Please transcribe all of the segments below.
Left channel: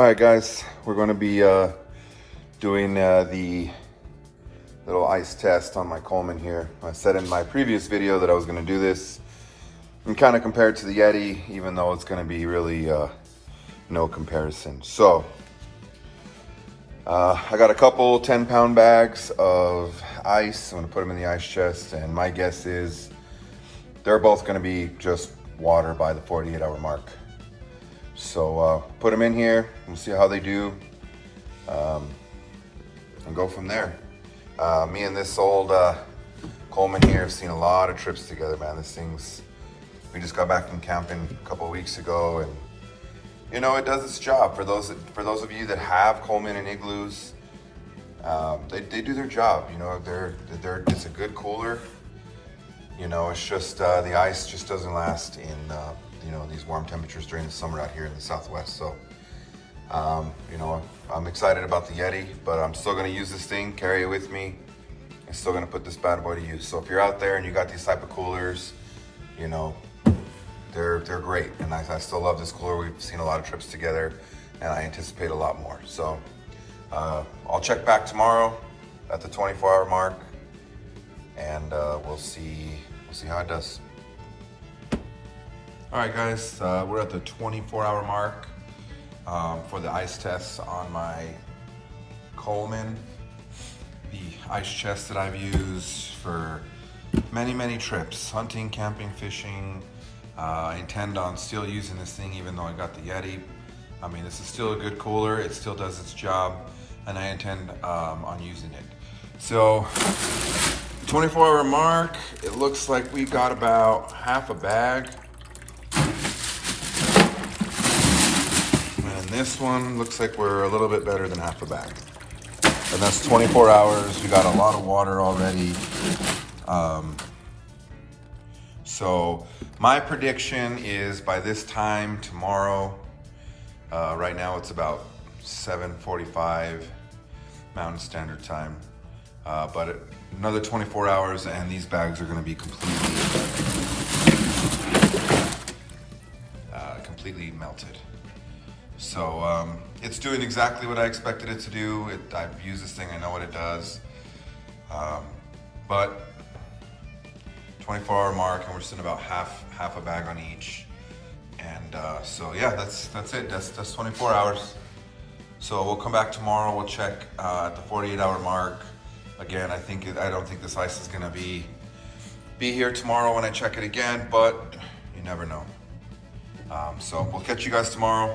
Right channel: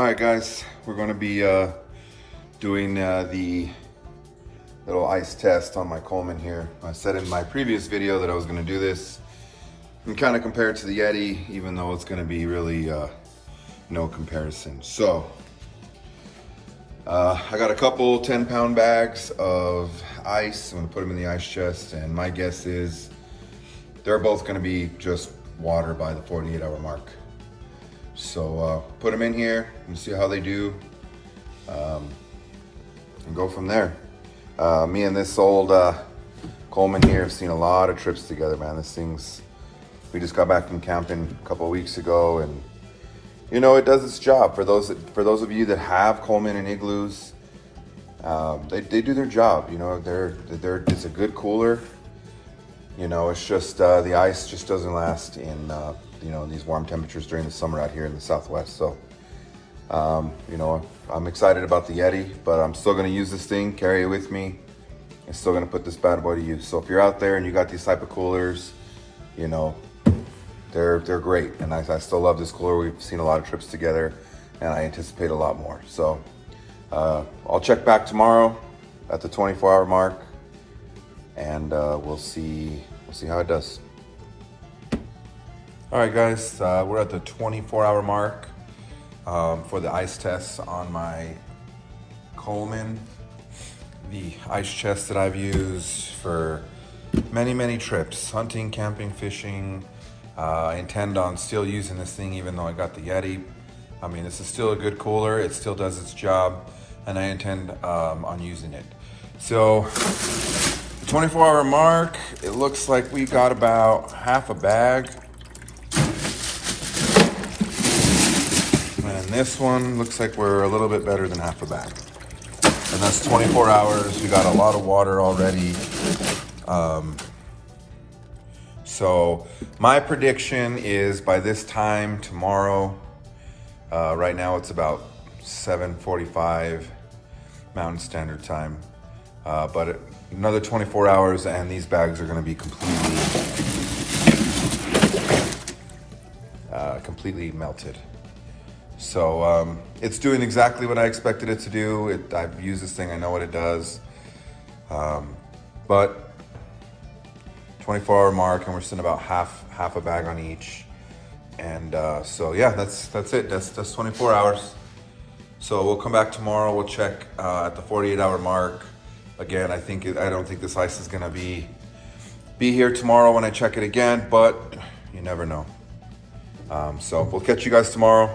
All right, guys, we're going to be doing the little ice test on my Coleman here. I said in my previous video that I was going to do this and kind of compare it to the YETI, even though it's going to be really no comparison. So I got a couple 10-pound bags of ice. I'm going to put them in the ice chest, and my guess is they're both going to be just water by the 48-hour mark. So put them in here and see how they do, and go from there. Me and this old Coleman here have seen a lot of trips together, man. This thing's, we just got back from camping a couple of weeks ago, and you know, it does its job. For those of you that have Coleman and igloos, they do their job. You know, it's a good cooler. You know, it's just the ice just doesn't last in you know, in these warm temperatures during the summer out here in the Southwest. So you know, I'm excited about the YETI, but I'm still gonna use this thing, carry it with me. I'm still gonna put this bad boy to use. So if you're out there and you got these type of coolers, you know, they're great. And I still love this cooler. We've seen a lot of trips together, and I anticipate a lot more. So I'll check back tomorrow at the 24-hour mark, and we'll see how it does. All right, guys, we're at the 24-hour mark for the ice tests on my Coleman, the ice chest that I've used for many trips, hunting, camping, fishing. I intend on still using this thing even though I got the YETI. I mean, this is still a good cooler. It still does its job, and I intend on using it. So, 24-hour mark, it looks like we got about half a bag. And this one looks like we're a little bit better than half a bag. And that's 24 hours. We got a lot of water already. So my prediction is by this time tomorrow, right now it's about 7:45 Mountain Standard Time, but another 24 hours and these bags are going to be completely melted. So it's doing exactly what I expected it to do. I've used this thing, I know what it does, but 24-hour mark, and we're sitting about half a bag on each. And so yeah, that's it. That's 24 hours. So we'll come back tomorrow. We'll check at the 48-hour mark. Again, I don't think this ice is gonna be here tomorrow when I check it again, but you never know. So we'll catch you guys tomorrow,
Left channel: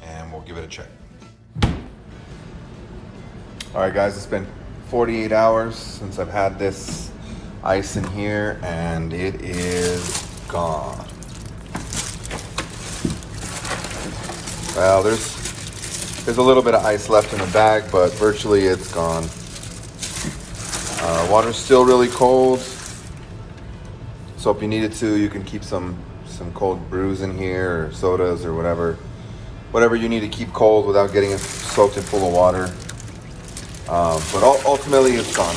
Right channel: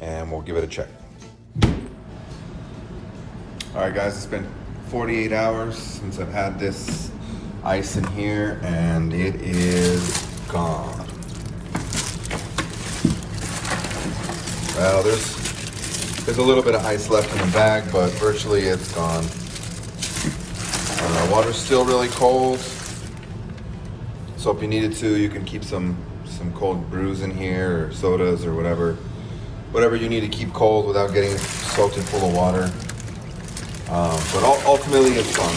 and we'll give it a check. All right, guys, it's been 48 hours since I've had this ice in here, and it is gone. Well, there's a little bit of ice left in the bag, but virtually it's gone. Water's still really cold, so if you needed to, you can keep some cold brews in here, or sodas, or whatever you need to keep cold without getting it soaked and full of water. But ultimately, it's gone.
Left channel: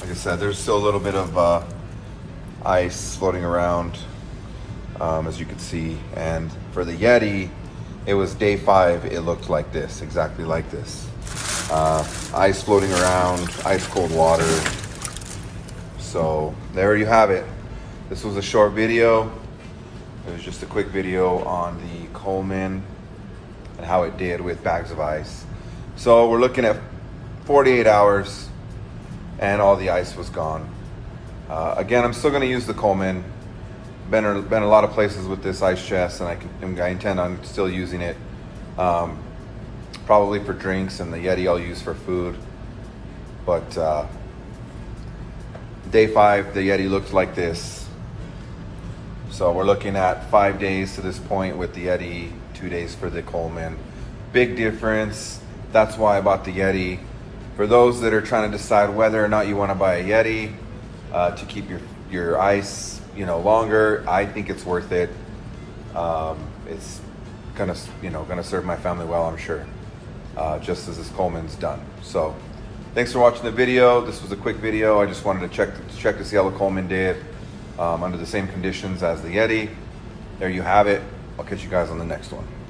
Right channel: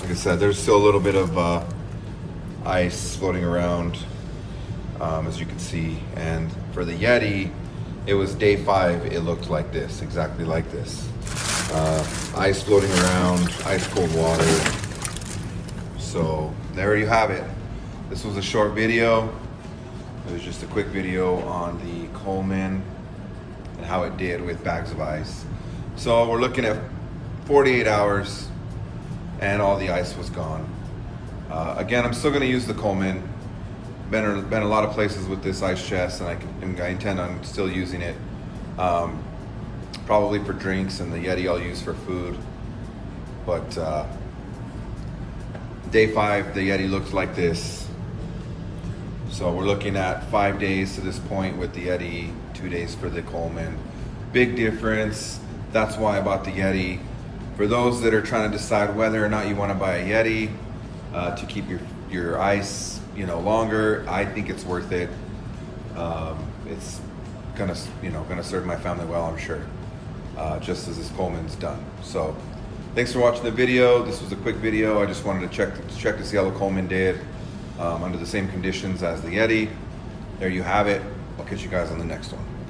Like I said, there's still a little bit of ice floating around, as you can see. And for the YETI, it was day 5. It looked like this, exactly like this. Ice floating around, ice cold water. So there you have it. This was a short video. It was just a quick video on the Coleman and how it did with bags of ice. So we're looking at 48 hours and all the ice was gone. Again, I'm still gonna use the Coleman. Been a lot of places with this ice chest, and I intend on still using it. Probably for drinks, and the YETI I'll use for food. But day 5, the YETI looks like this. So we're looking at 5 days to this point with the YETI, 2 days for the Coleman. Big difference. That's why I bought the YETI. For those that are trying to decide whether or not you want to buy a YETI to keep your ice, you know, longer, I think it's worth it. It's gonna serve my family well, I'm sure, just as this Coleman's done. So thanks for watching the video. This was a quick video. I just wanted to check to see how the Coleman did under the same conditions as the YETI. There you have it. I'll catch you guys on the next one.